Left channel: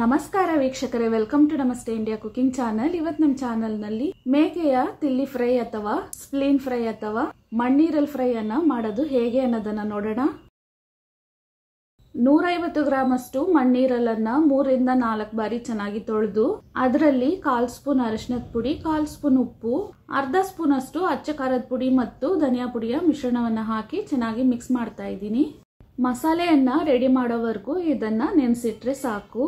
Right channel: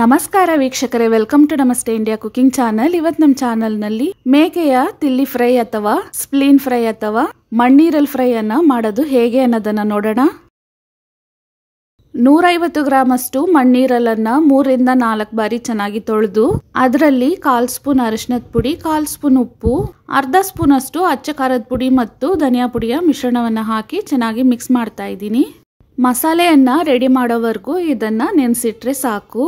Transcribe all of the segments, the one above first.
ನಮಸ್ಕಾರ ವೀಕ್ಷಕರೇ, welcome to ನಮಸ್ತೆ ಇಂಡಿಯಾ ಕುಕಿಂಗ್ ಚಾನಲ್. ಇವತ್ತು ನಮ್ಮ ಚಾನಲ್ನಲ್ಲಿ ಮೇಕೆಯ ತಿಲ್ಲಿ ಫ್ರೈ ಅಥವಾ ಸ್ಪ್ಲೀನ್ ಫ್ರೈ ಅಥವಾ ಮಣ್ಣೀರಲ್ ಫ್ರೈ ಅನ್ನ ಮಾಡೋದು ಹೇಗೆ ಅನ್ನೋದನ್ನ ನೋಡೋಣ. 150 ಗ್ರಾಮಷ್ಟು ಮಣ್ಣೀರಲನ್ನ 3 ರಿಂದ 4 ಬಾರಿ ಚೆನ್ನಾಗಿ ತೊಳೆದು ಅದರಲ್ಲಿ 1/4 ಸ್ಪೂನ್ ಅರಿಶಿನದ ಪುಡಿ, 1/4 ಸ್ಪೂನ್ ಉಪ್ಪು, ಅರ್ಧ ಸ್ಪೂನ್ ಅಷ್ಟು ಅಚ್ಚ ಖಾರದ ಪುಡಿ ಮತ್ತು ಧನಿಯಾ ಪುಡಿಯ ಮಿಶ್ರಣವನ್ನ ಹಾಕಿ ಚೆನ್ನಾಗಿ ಮಿಕ್ಸ್ ಮಾಡ್ತಾ ಇದ್ದೀನಿ. ಮಸಾಲೆಯನ್ನ ರೆಡಿ ಮಾಡೋವರೆಗೂ ಇದನ್ನ ನೆನೆಸಿಟ್ರೆ ಸಾಕು.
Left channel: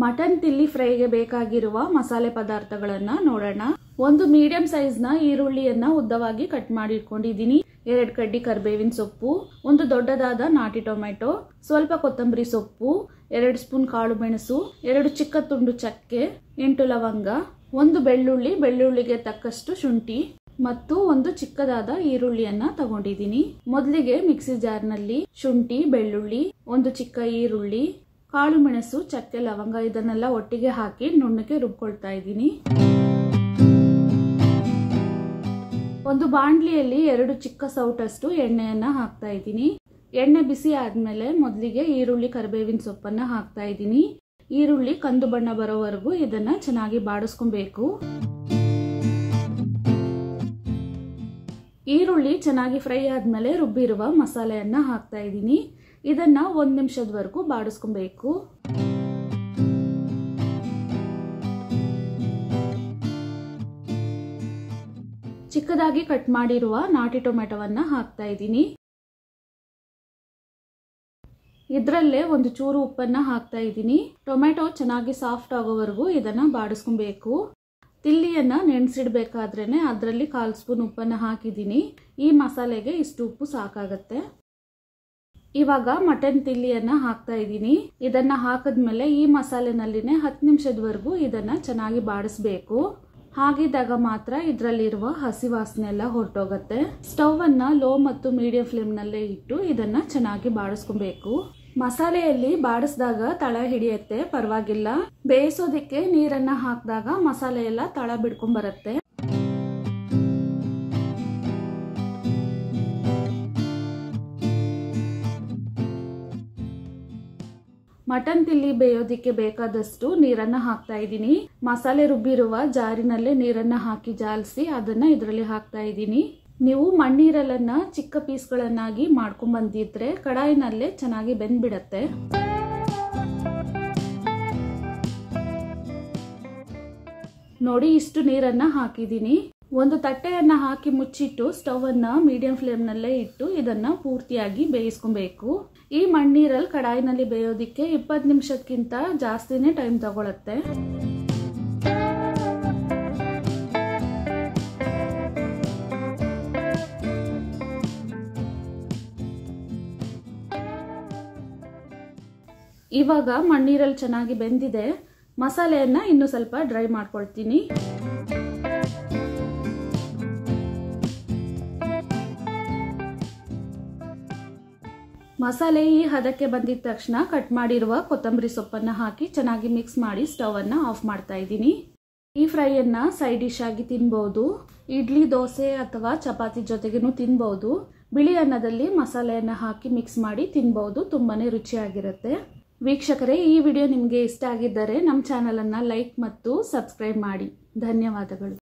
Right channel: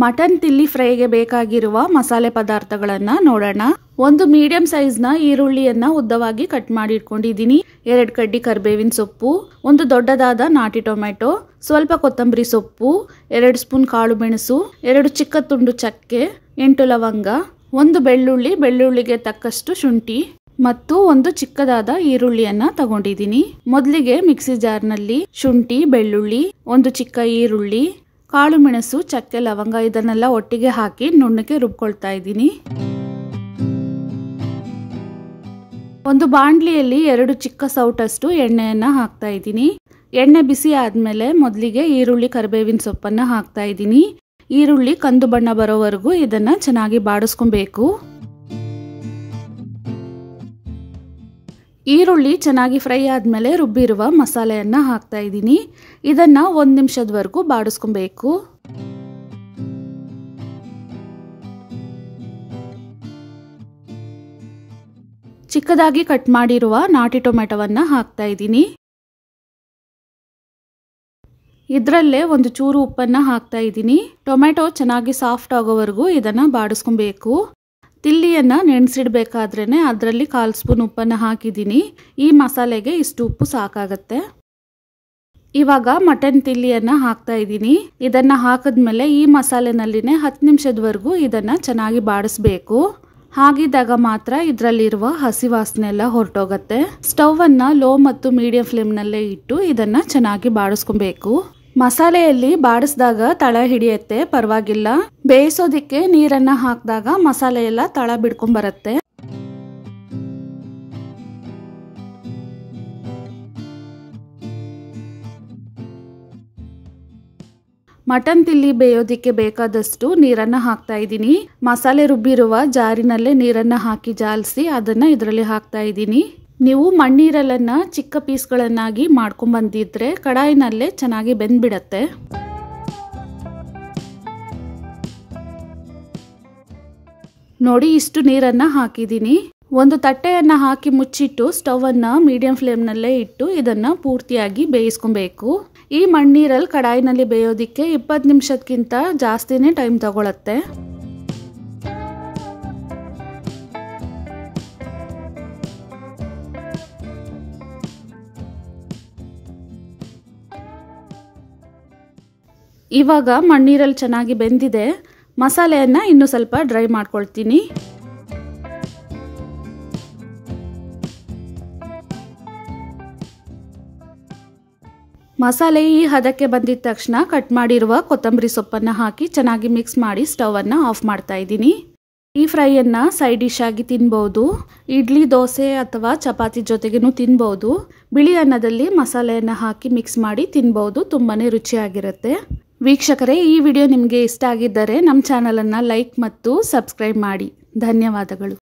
ಮಟನ್ ತಿಲ್ಲಿ ಫ್ರೈಗೆ ಬೇಕಾಗಿರುವ ಮಸಾಲೆ ಪದಾರ್ಥಗಳನ್ನ ನೋಡೋಣ. ಒಂದು ಮೀಡಿಯಂ ಸೈಜ್ನ ಈರುಳ್ಳಿಯನ್ನ ಉದ್ದವಾಗಿ ಕಟ್ ಮಾಡಿ ಇಟ್ಕೊಂಡಿದ್ದೀನಿ. 2 ಕಡ್ಡಿ ಕರಿಬೇವಿನ ಸೊಪ್ಪು, ಒಂದು ದೊಡ್ಡದಾದ ನಾಟಿ ಟೊಮೆಟೊ, ಸ್ವಲ್ಪ ಕೊತ್ತಂಬರಿ ಸೊಪ್ಪು, 2 ಸ್ಪೂನ್ ಕಾಳು ಮೆಣಸು, 2 ಚಿಕ್ಕ ತುಂಡು ಚಕ್ಕೆ, 8 ಲವಂಗ, 1 ಬೆಳ್ಳುಳ್ಳಿಗೆ ತಕ್ಕಷ್ಟು ಶುಂಠಿ ಮತ್ತು ಒಂದು ಚಿಕ್ಕದಾದ ಈರುಳ್ಳಿಯನ್ನ ತಗೊಂಡಿದ್ದೀನಿ. ಮೊದಲಿಗೆ ಮಿಕ್ಸಿ ಜಾರ್ನಲ್ಲಿ ಶುಂಠಿ, ಬೆಳ್ಳುಳ್ಳಿ, ಒಂದು ಚಿಕ್ಕ ಈರುಳ್ಳಿ, ಕಾಳು ಮೆಣಸು, ಚಕ್ಕೆ, ಲವಂಗ ಇದನ್ನೆಲ್ಲ ಒಟ್ಟಿಗೆ ಹಾಕಿ ನುಣ್ಣಗೆ ರುಬ್ಕೊಳ್ತಾ ಇದ್ದೀನಿ. ಒಂದು ಬಾಂಡ್ಲಿಯಲ್ಲಿ 2 ಚಿಕ್ಕ ಸೌಟಷ್ಟು ಎಣ್ಣೆಯನ್ನ ಹಾಕ್ತಾ ಇದ್ದೀನಿ. ಎಣ್ಣೆ ಬಿಸಿ ಆದ್ಮೇಲೆ ಮೊದಲಿಗೆ ಈರುಳ್ಳಿ, ಕರಿಬೇವಿನ ಸೊಪ್ಪನ್ನ ಹಾಕ್ತಾ ಇದ್ದೀನಿ. ಈರುಳ್ಳಿ ಕಂದು ಬಣ್ಣ ಬರೋವರೆಗೂ ಇದನ್ನ ಚೆನ್ನಾಗಿ ಬಾಡಿಸ್ಕೊಬೇಕು. ಈರುಳ್ಳಿ ಚೆನ್ನಾಗಿ ಫ್ರೈ ಆದ್ಮೇಲೆ ರುಬ್ಬಿರುವ ಮಸಾಲೆಯನ್ನ ಹಾಕ್ತಾ ಇದ್ದೀನಿ. ಇದನ್ನ 1 ನಿಮಿಷದವರೆಗೂ ಬಾಡಿಸ್ಕೊಬೇಕು. ಚಿಕ್ಕದಾಗಿ ಕಟ್ ಮಾಡಿರುವ ನಾಟಿ ಟೊಮೆಟೊವನ್ನ ಹಾಕ್ತಾ ಇದ್ದೀನಿ. ಇದರಲ್ಲೇ ಒಂದು ಚೂರು ಉಪ್ಪನ್ನ ಹಾಕ್ತಾ ಇದ್ದೀನಿ. ಟೊಮೆಟೊ ಚೆನ್ನಾಗಿ ಸಾಫ್ಟ್ ಆಗೋವರೆಗೂ ಇದನ್ನ ಬಾಡಿಸ್ಕೊಬೇಕು. ತಿಲ್ಲಿಯನ್ನ ನೆನೆಸಿಡ್ಬೇಕಾದ್ರೇನೆ ಅದರಲ್ಲಿ 1/4 ಸ್ಪೂನ್ ಉಪ್ಪನ್ನು ಹಾಕಿದ್ದೀನಿ. ಈ ಮಸಾಲೆಗೆ ಇಷ್ಟು ಉಪ್ಪು ಸಾಕಾಗತ್ತೆ. ಇವಾಗ ಮಟನ್ ತಿಲ್ಲಿಯನ್ನ ಹಾಕ್ತಾ ಇದ್ದೀನಿ. ಇದನ್ನ ಹಾಕಿದ್ಮೇಲೆ ಈ ಮಸಾಲೆನಲ್ಲಿನೇ 10 ನಿಮಿಷದವರೆಗೂ ಇದನ್ನ ಚೆನ್ನಾಗಿ ಬಾಡಿಸ್ಬೇಕು. ಹಾಗಿದ್ದಾಗ ಮಾತ್ರ ಇದರಲ್ಲಿರುವ ಹಸಿ ವಾಸನೆ ಎಲ್ಲ ಹೊರಟೋಗತ್ತೆ. ಸ್ಟವ್ ಅನ್ನ ಲೋ ಮತ್ತು ಮೀಡಿಯಂ ಫ್ಲೇಮ್ನಲ್ಲೇ ಇಟ್ಟು ಇದನ್ನ ಚೆನ್ನಾಗಿ ಬಾಡಿಸ್ಕೊಬೇಕು. ಮಸಾಲೆಯಲ್ಲಿ ಬಾಡಿಸಿದಾಗ ತಳ ಹಿಡಿಯುತ್ತೆ, ಪರವಾಗಿಲ್ಲ. ಬೇಯಿಸೋದಿಕ್ಕೆ ನೀರನ್ನ ಹಾಕಿದಾಗ ಮಸಾಲೆ ಎಲ್ಲ ತಳ ಬಿಡ್ಕೊಂಡ್ ಬರುತ್ತೆ. ಮಟನ್ ತಿಲ್ಲಿ ಬೇಯೋದಿಕ್ಕೆ ಬೇಕಾದಷ್ಟು ನೀರನ್ನ ಹಾಕ್ತಾ ಇದ್ದೀನಿ. ಮಸಾಲೆ ರುಬ್ಬಿರುವ ಜಾರಿನಲ್ಲೇ ನೀರನ್ನ ಹಾಕಿ ಜಾಲಿಸಿ ಅದನ್ನ ಇದರಲ್ಲಿ ಹಾಕ್ತಾ ಇದ್ದೀನಿ. ನೀವು ಮಣ್ಣೀರಲನ್ನ ಚಿಕ್ಕ ಪೀಸ್ಗಳನ್ನಾಗಿ ಮಾಡ್ಕೊಂಡ್ ಬಂದಿದ್ರೆ ಕಡಾಯಿನಲ್ಲೇ ಚೆನ್ನಾಗಿ ಬೆಂದ್ಬಿಡತ್ತೆ. ನೋಡಿ, ಇಷ್ಟು ನೀರನ್ನ ಹಾಕಿದ್ದೀನಿ. ಒಂದು ತಟ್ಟೆಯನ್ನ ಹಾಕಿ ಮುಚ್ಚಿಟ್ಟು ಸ್ಟವ್ ಅನ್ನ ಮೀಡಿಯಂ ಫ್ಲೇಮ್ನಲ್ಲೇ ಇಟ್ಟು ಇದನ್ನ ಪೂರ್ತಿಯಾಗಿ ಬೇಯಿಸ್ಕೊಬೇಕು. ಈ ಮಣ್ಣೀರಲ್ ಕಡಾಯಿನಲ್ಲಿ ಬೇಯೋದಿಕ್ಕೆ 20 ನಿಮಿಷಕ್ಕಿಂತ ಜಾಸ್ತಿನೇ ಟೈಮ್ ತಗೊಳತ್ತೆ. ಇವಾಗ ಮಣ್ಣೀರಲ್ ಚೆನ್ನಾಗಿ ಬೆಂದಿದೆ. ಮಸಾಲೆಯನ್ನ ಇನ್ನು ಸ್ವಲ್ಪ ಡ್ರೈ ಮಾಡ್ಕೊಳ್ತೀನಿ. ಮಸಾಲೆ ಈ ಹದಕ್ಕೆ ಬಂದಿದ ತಕ್ಷಣ ಕಟ್ ಮಾಡಿರುವ ಕೊತ್ತಂಬರಿ ಸೊಪ್ಪನ್ನ ಹಾಕಿ ಚೆನ್ನಾಗಿ ಮಿಕ್ಸ್ ಮಾಡಿ ಸ್ಟವ್ ಅನ್ನ ಆಫ್ ಮಾಡ್ತಾ ಇದ್ದೀನಿ. ಈ ಫ್ರೈಯನ್ನ ಸೈಡ್ ಡಿಶ್ ಆಗಿ ತಿನ್ಬಹುದು. ಇಡ್ಲಿ, ದೋಸೆ ಅಥವಾ ಚಪಾತಿ ಜೊತೆಗೇನು ತಿನ್ಬಹುದು. ಬಿಳಿ ಅನ್ನದಲ್ಲಿ ಮಸಾಲೆಯನ್ನ ಹಾಕಿ ಮಿಕ್ಸ್ ಮಾಡಿ ತಿನ್ಬಹುದು. ತುಂಬಾನೇ ರುಚಿಯಾಗಿರುತ್ತೆ. ವೀಕ್ಷಕರೇ, ಈ ವಿಡಿಯೋ ನಿಮಗೆ ಇಷ್ಟ ಆಗಿದ್ದರೆ ನಮ್ಮ ಚಾನಲನ್ನು ಲೈಕ್ ಮತ್ತು ಸಬ್ಸ್ಕ್ರೈಬ್ ಮಾಡಿ. ಧನ್ಯವಾದಗಳು.